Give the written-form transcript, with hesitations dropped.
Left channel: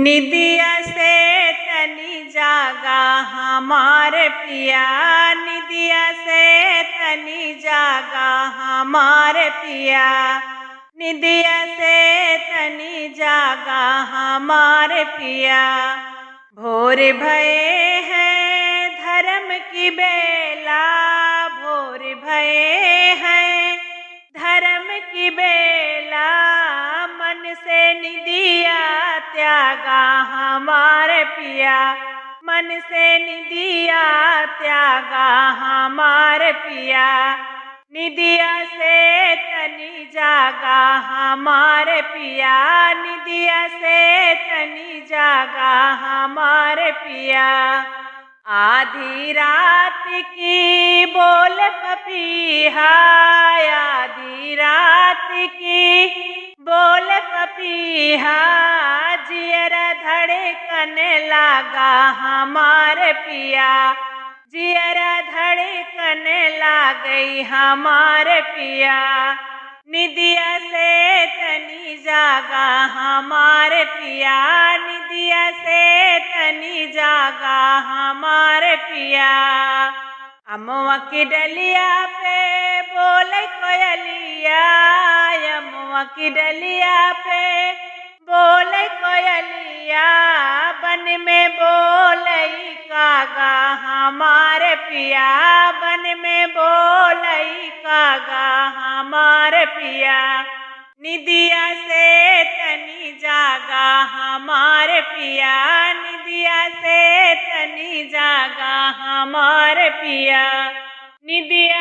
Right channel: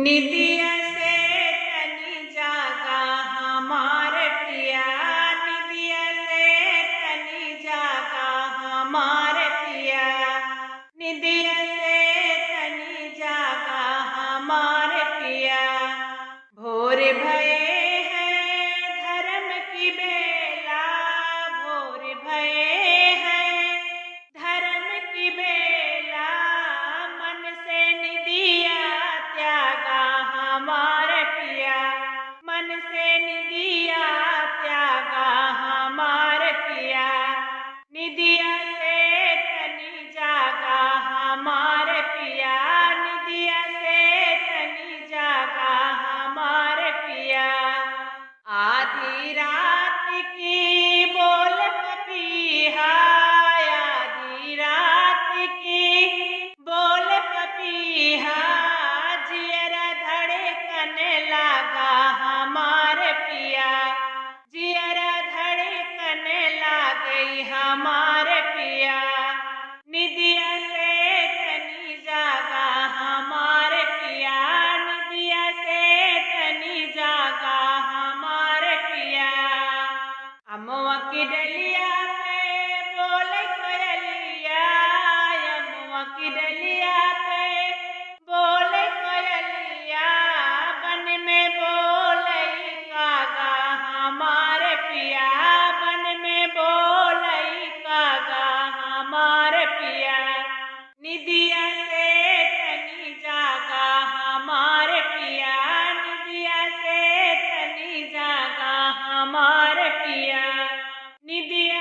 निदिया से तनी जागा हमार पिया, निदिया से तनी जागा हमार पिया, निदिया से तनी जागा हमार पिया। भोर भये हैं धर्म की बेला, भोर भये हैं धर्म की बेला, मन से निदिया त्यागा हमार पिया, मन से निदिया त्यागा हमार पिया। निदिया से तनी जागा हमार पिया, निदिया से तनी जागा हमार पिया। आधी रात की बोल पपीहा, आधी रात की बोल पपीहा, जियरा धड़कन लागा हमार पिया, जियरा धड़कन लागई हमार पिया। निदिया से तनी जागा हमार पिया, निदिया से तनी जागा हमार पिया। अमुआ की डलिया पे बोल कोयलिया, अमुआ की डलिया पे बोल कोयलिया, बन में बोलई कागा हमार पिया, बन में बोलई कागा हमार पिया। निदिया से तनी जागा हमार पिया, निदिया से तनी जागा हमार पिया, निदिया